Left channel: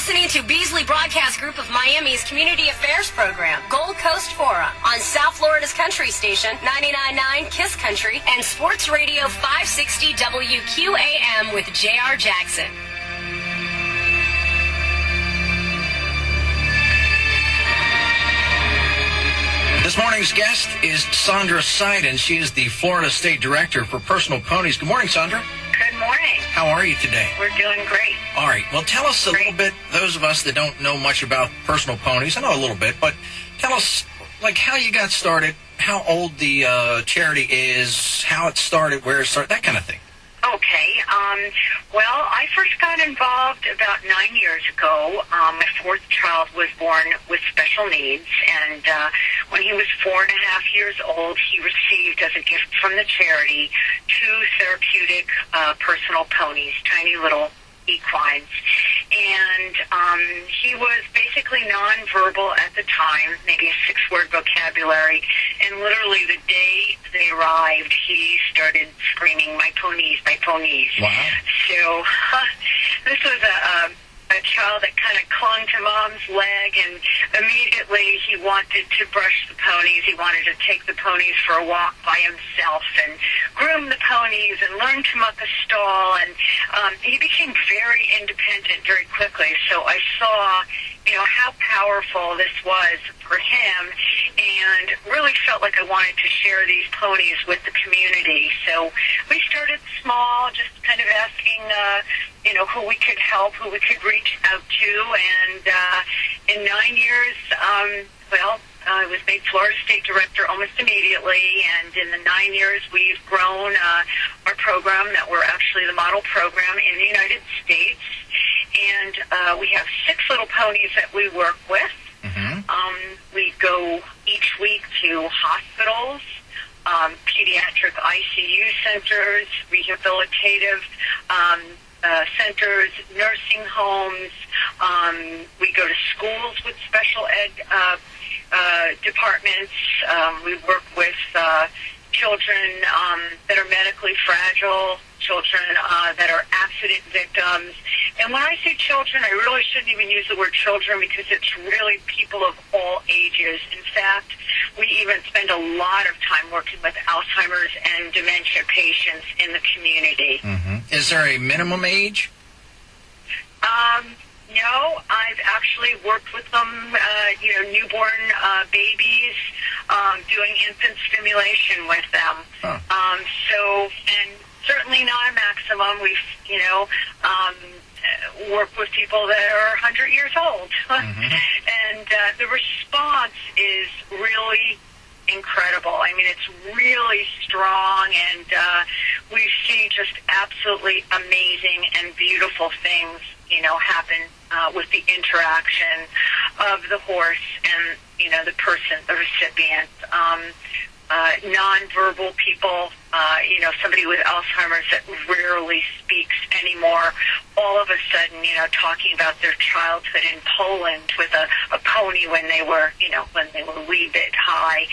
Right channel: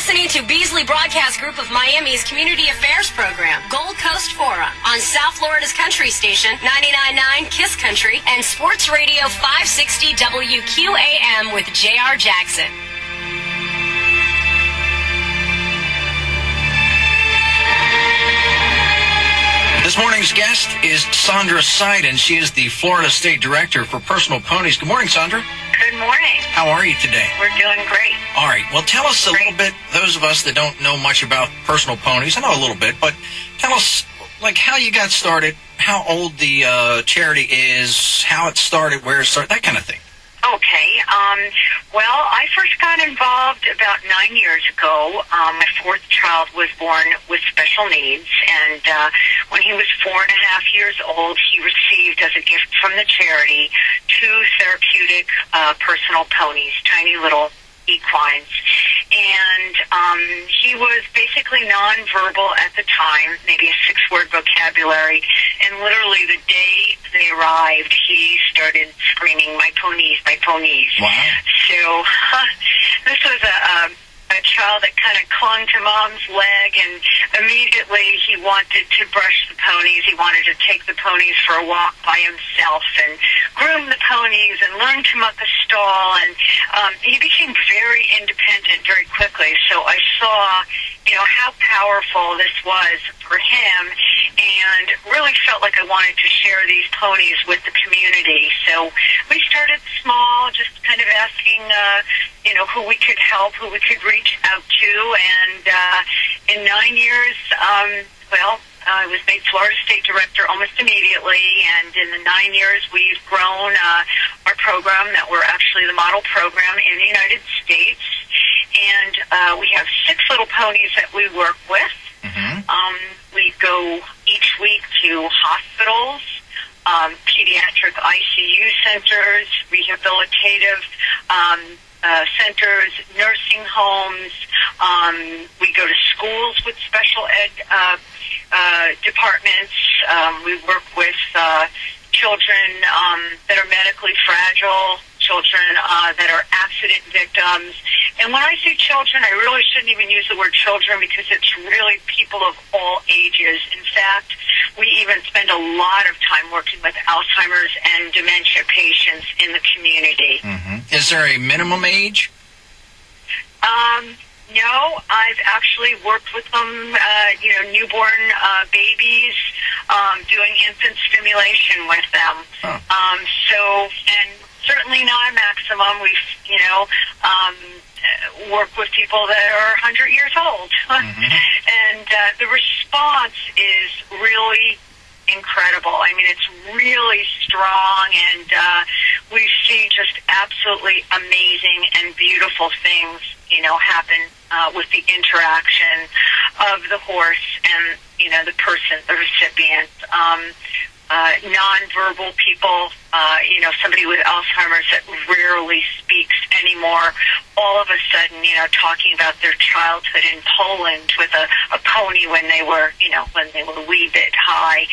listening to Beasley Broadcast Group of Miami's Community Affairs program, Gold Coast Forum, on South Florida's country station, 99.9 KISS Country, and Sports Radio 560 WQAM with J.R. Jackson. This morning's guest is Sandra Seiden. She is the Florida State Director for Personal Ponies. Good morning, Sandra. Good morning. How are you today? We're doing great. All right. Well, tell us a little bit, those of us that don't know much about Personal Ponies, I know a little bit, but tell us, like, how you got started, how old the charity is, how it started, where it started, that kind of thing. Okay. Well, I first got involved about 9 years ago. My fourth child was born with special needs, and when he was 4.5 years old, he received as a gift from the charity 2 therapeutic personal ponies, tiny little equines. And he was basically nonverbal at the time, maybe a 6-word vocabulary, and literally the day they arrived, he started screaming, "My ponies, my ponies." Wow. So this was a child that kind of clung to mom's leg, and immediately he wanted to brush the ponies. He wanted to take the ponies for a walk by himself and groom the ponies and learn to muck a stall, and he became very independent very quickly. So I saw, how powerful this was for him, and really felt like I wanted to share these ponies with the community. So we started small, just kind of asking, who we could help, who we could reach out to, and in 9 years, I was made Florida State Director almost immediately, and in the 9 years, we've grown our program that we're actually the model program in the United States, and we have 6 little ponies that we work with. We go each week to hospitals, pediatric ICU centers, rehabilitative centers, nursing homes. We go to schools with special ed departments. We work with children that are medically fragile, children that are accident victims. And when I say children, I really shouldn't even use the word children because it's really people of all ages. In fact, we even spend a lot of time working with Alzheimer's and dementia patients in the community. Is there a minimum age? No, I've actually worked with them, newborn babies, doing infant stimulation with them. And certainly not a maximum. We've, work with people that are 100 years old. And the response is really incredible. I mean, it's really strong, and we see just absolutely amazing and beautiful things, happen with the interaction of the horse and, the person, the recipient. Nonverbal people, somebody with Alzheimer's that rarely speaks anymore, all of a sudden, talking about their childhood in Poland with a pony when they were, a wee bit high.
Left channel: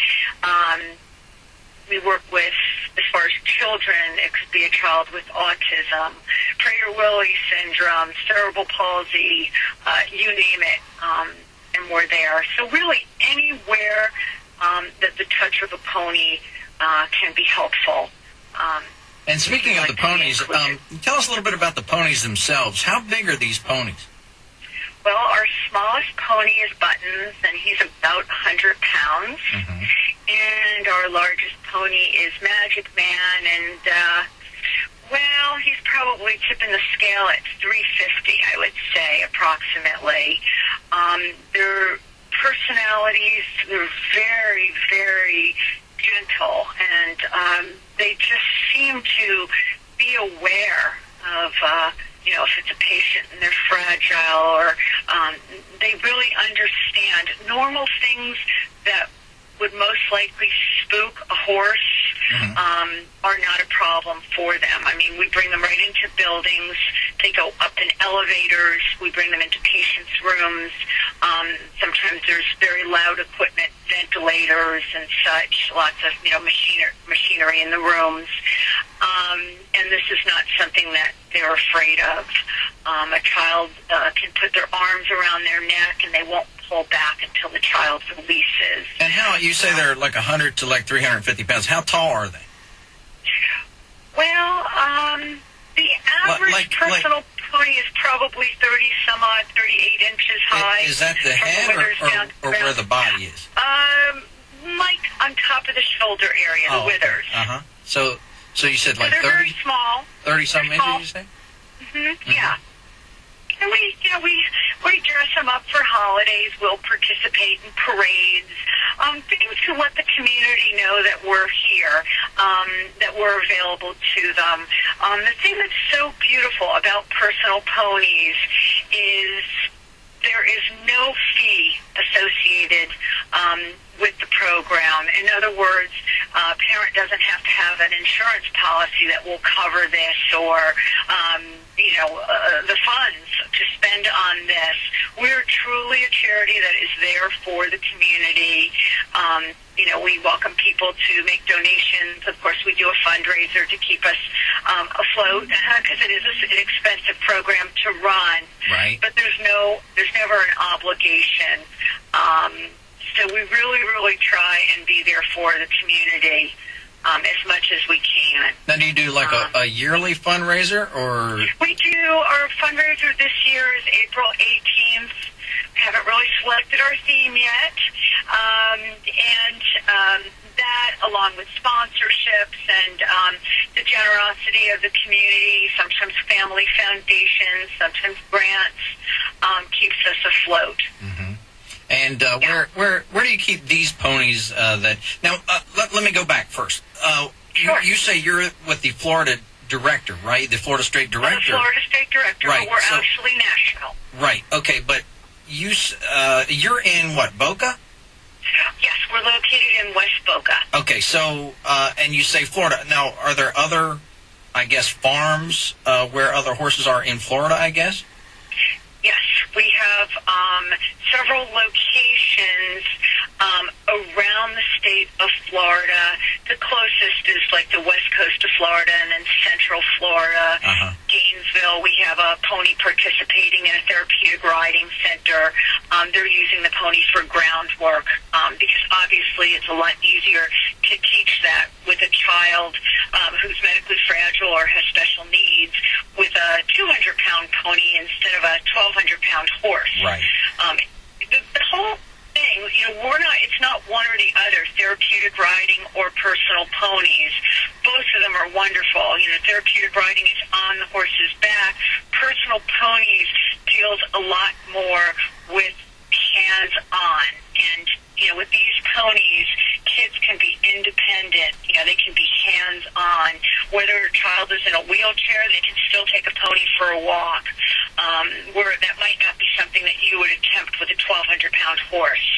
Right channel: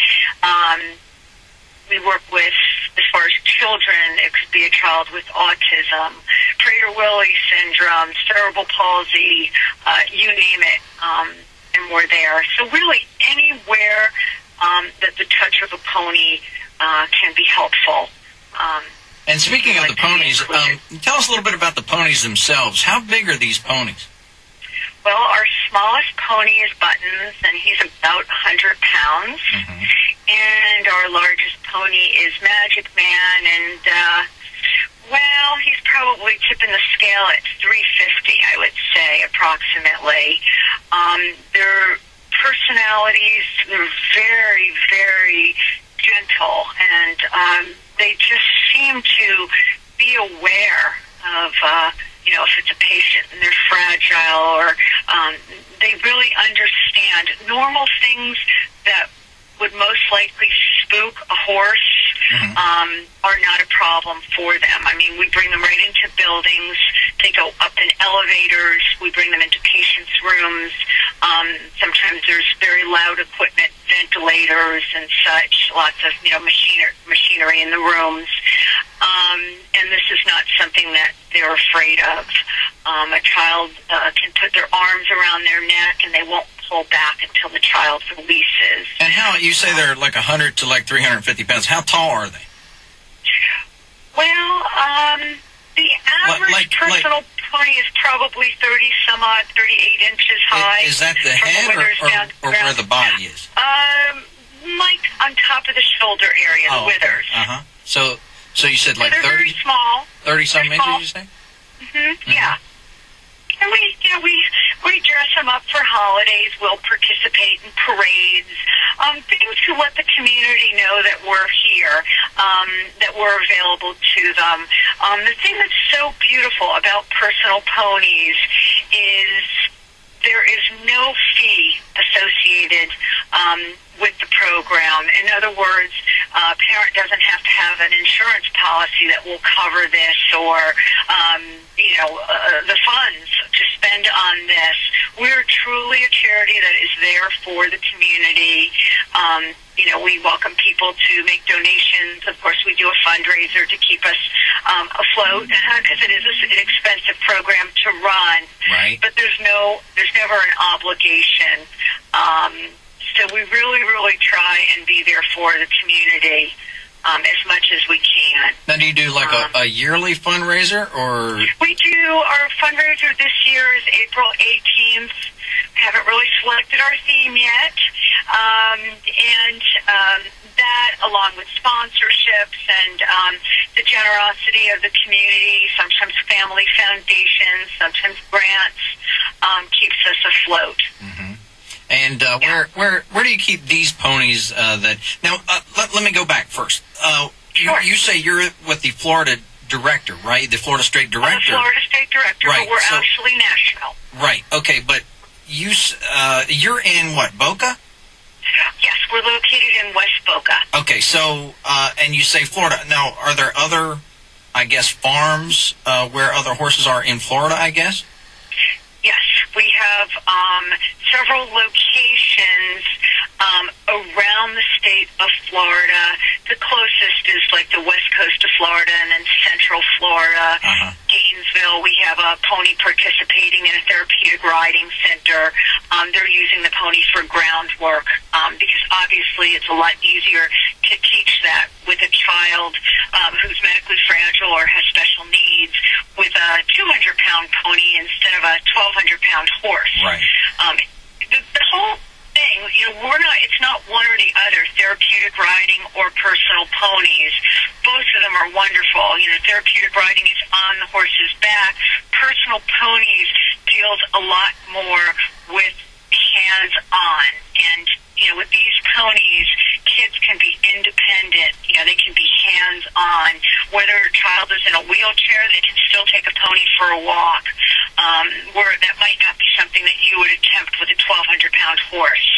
We work with, as far as children, it could be a child with autism, Prader-Willi syndrome, cerebral palsy, you name it, and we're there. So really anywhere that the touch of a pony can be helpful. And speaking of the ponies, tell us a little bit about the ponies themselves. How big are these ponies? Well, our smallest pony is Buttons, and he's about 100 pounds. And our largest pony is Magic Man, and, he's probably tipping the scale at 350, I would say, approximately. Their personalities, they're very, very gentle, and they just seem to be aware of, if it's a patient and they're fragile, or they really understand normal things that would most likely spook a horse are not a problem for them. I mean, we bring them right into buildings. They go up in elevators. We bring them into patients' rooms. Sometimes there's very loud equipment, ventilators and such, lots of, machinery in the rooms. And and this is not something that they're afraid of. A child can put their arms around their neck, and they won't pull back until the child releases. And how, you say they're like 100 to like 350 pounds. How tall are they? Well, the average personal pony is probably 38 inches high. Is that the head or where the body is? Like on top of the shoulder area, the withers. So you said like they're 30? Very small. 30-something inches, you say? Yeah. And we dress them up for holidays. We'll participate in parades. Things to let the community know that we're here, that we're available to them. The thing that's so beautiful about personal ponies is there is no fee associated with the program. In other words, a parent doesn't have to have an insurance policy that will cover this or the funds to spend on this. We're truly a charity that is there for the community. We welcome people to make donations. Of course, we do a fundraiser to keep us afloat because it is an expensive program to run. Right. But there's never an obligation. So we really, really try and be there for the community as much as we can. Now, do you do like a yearly fundraiser, or? We do. Our fundraiser this year is April 18th. We haven't really selected our theme yet. That, along with sponsorships and the generosity of the community, sometimes family foundations, sometimes grants, keeps us afloat. Mm-hmm. And where do you keep these ponies? Let me go back first. Sure. You say you're with the Florida director, right? The Florida State Director. I'm the Florida State Director, right. But we're actually national. Right. Okay, but you're in what, Boca? Yes, we're located in West Boca. Okay, so and you say Florida. Now, are there other, I guess, farms where other horses are in Florida, I guess? Yes, we have several locations around the state of Florida. The closest is like the west coast of Florida and then central Florida. Gainesville, we have a pony participating in a therapeutic riding center. They're using the ponies for groundwork because obviously it's a lot easier to teach that with a child who's medically fragile or has special needs with a 200-pound pony instead of a 1,200-pound horse. Right. The whole thing, it's not one or the other, therapeutic riding or personal ponies. Both of them are wonderful. Therapeutic riding is on the horse's back. Personal ponies deals a lot more with hands-on. And, with these ponies, kids can be independent. They can be hands-on. Whether a child is in a wheelchair, they can still take a pony for a walk. Where that might not be something that you would attempt with a 1,200-pound horse.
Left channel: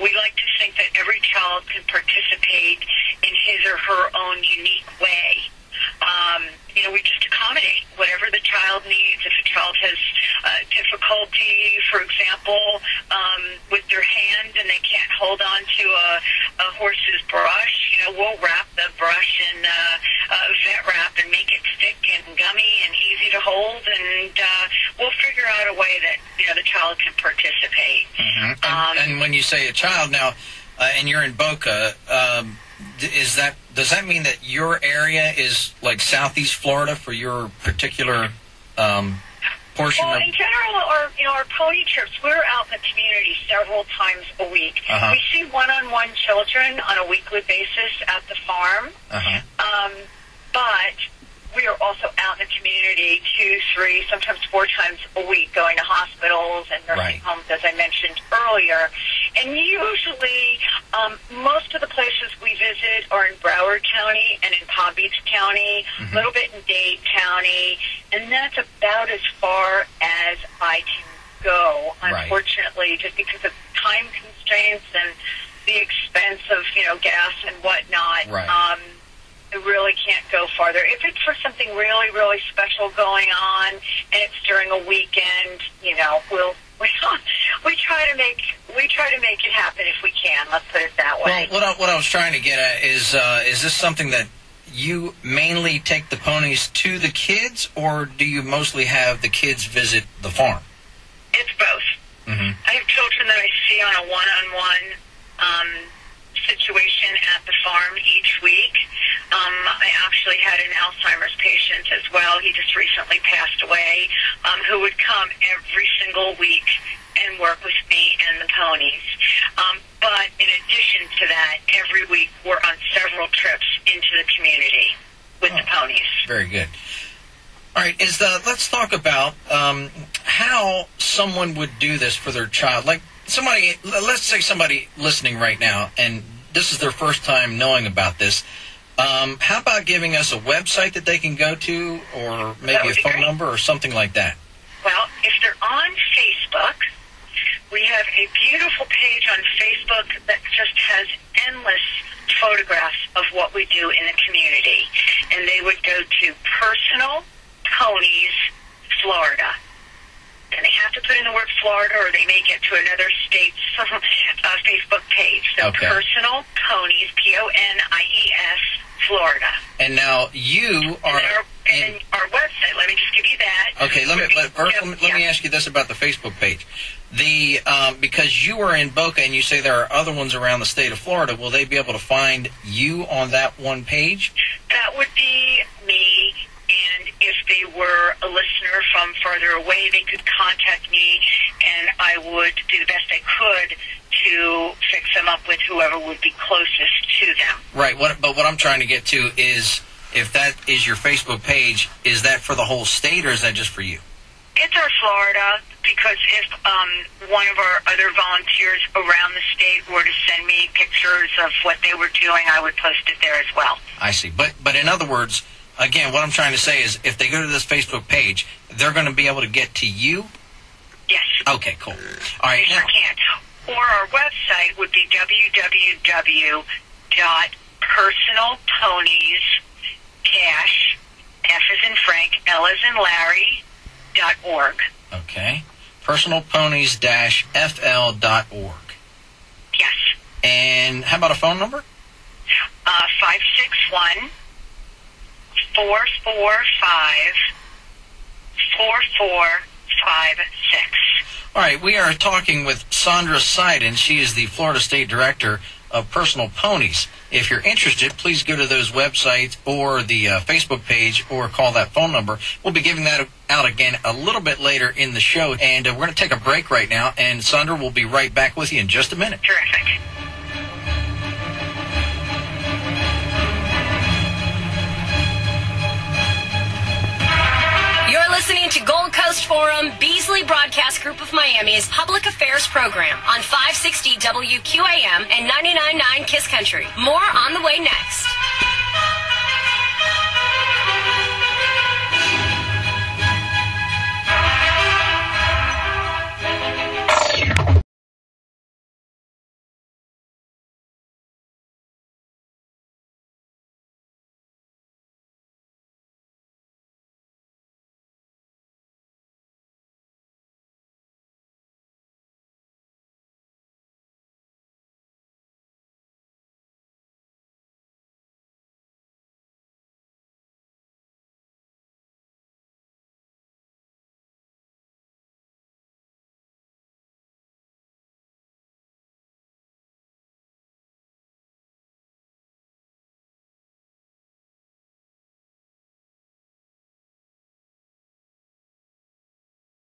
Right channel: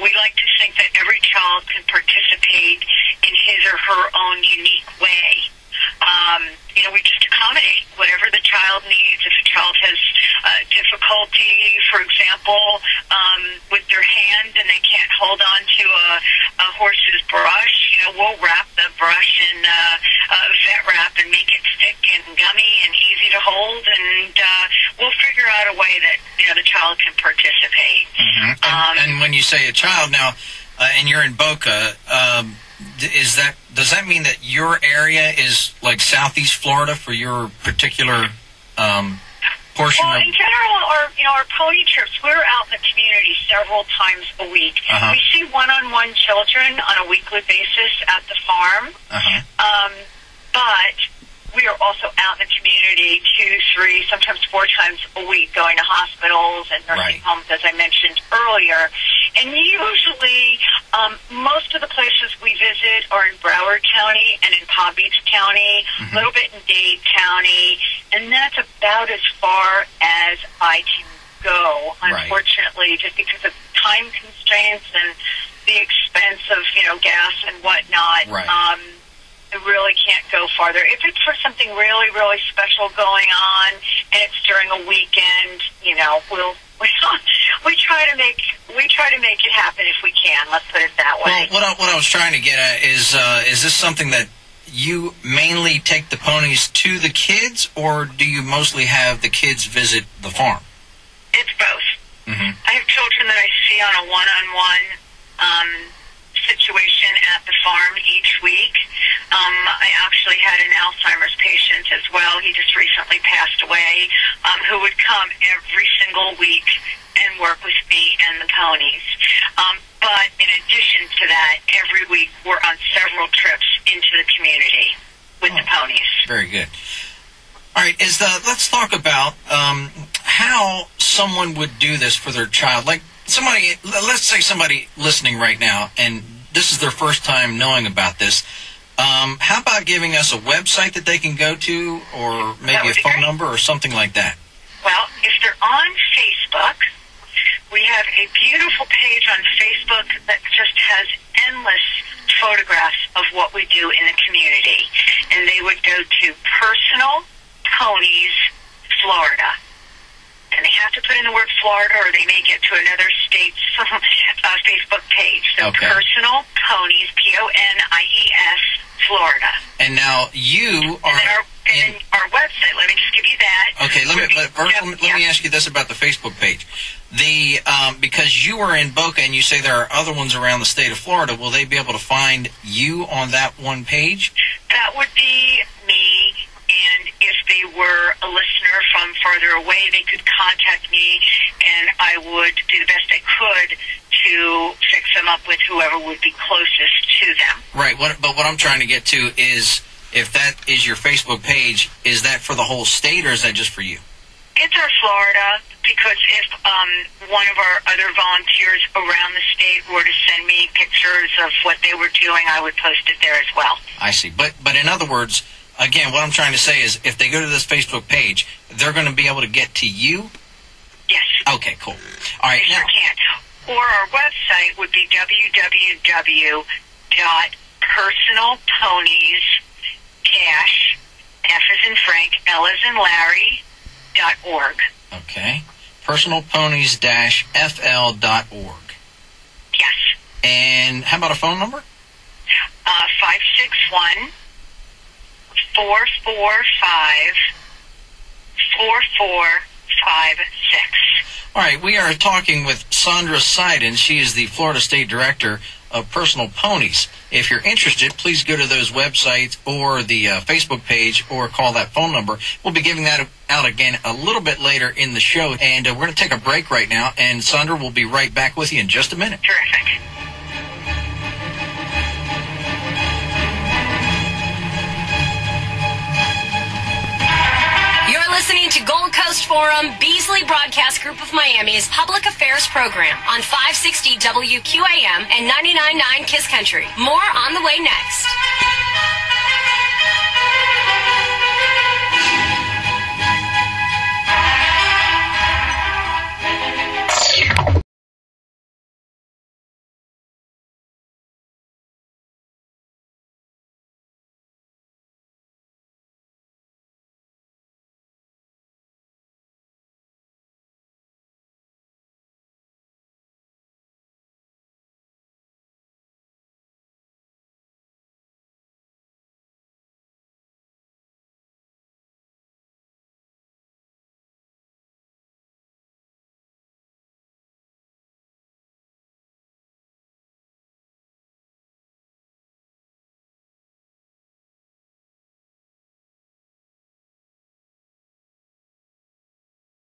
We like to think that every child can participate in his or her own unique way. We just accommodate whatever the child needs. If a child has difficulty, for example, with their hand and they can't hold on to a horse's brush, we'll wrap the brush in vet wrap and make it thick and gummy and easy to hold, and we'll figure out a way that the child can participate. Mm-hmm. And when you say a child now, and you're in Boca, does that mean that your area is like southeast Florida for your particular portion? Well, in general, our pony trips, we're out in the community several times a week. We see one-on-one children on a weekly basis at the farm. But we are also out in the community 2, 3, sometimes 4 times a week, going to hospitals and nursing homes, as I mentioned earlier. And usually, most of the places we visit are in Broward County and in Palm Beach County, a little bit in Dade County, and that's about as far as I can go, unfortunately, just because of time constraints and the expense of, gas and whatnot. I really can't go farther. If it's for something really, really special going on and it's during a weekend, we try to make it happen if we can. Let's put it that way. Well, what I was trying to get at is this something that you mainly take the ponies to the kids, or do you mostly have the kids visit the farm? It's both. Mm-hmm. I have children that I see on a one-on-one situation at the farm each week. I actually had an Alzheimer's patient as well. He just recently passed away, who would come every single week and work with me and the ponies. But in addition to that, every week we're on several trips into the community with the ponies. Very good. All right, let's talk about how someone would do this for their child. Like let's say somebody listening right now, and this is their first time knowing about this. How about giving us a website that they can go to, or maybe a phone number or something like that? Well, if they're on Facebook, we have a beautiful page on Facebook that just has endless photographs of what we do in the community. And they would go to Personal Ponies Florida. And they have to put in the word Florida, or they may get to another state's Facebook page. So Okay. Personal Ponies, Ponies, Florida. And now you are... And our website, let me just give you that. Okay, let me ask you this about the Facebook page. Because you are in Boca and you say there are other ones around the state of Florida, will they be able to find you on that one page? That would be me, and if they were a listener from farther away, they could contact me, and I would do the best I could to fix them up with whoever would be closest to them. Right, but what I'm trying to get to is, if that is your Facebook page, is that for the whole state, or is that just for you? It's our Florida, because if one of our other volunteers around the state were to send me pictures of what they were doing, I would post it there as well. I see. But in other words, again, what I'm trying to say is, if they go to this Facebook page, they're going to be able to get to you? Yes. Okay, cool. All right. They sure can. Or our website would be www.personalponies F as in Frank, L as in Larry, .org. Okay. Personalponies-fl.org. Yes. And how about a phone number? 561-445-4456. All right, we are talking with Sandra Seiden. She is the Florida State Director of Personal Ponies. If you're interested, please go to those websites or the Facebook page, or call that phone number. We'll be giving that out again a little bit later in the show, and we're going to take a break right now, and Sandra will be right back with you in just a minute. Terrific. You're listening to Gold Coast Forum, Beasley Broadcast Group of Miami's Public Affairs Program on 560 WQAM and 99.9 KISS Country. More on the way next.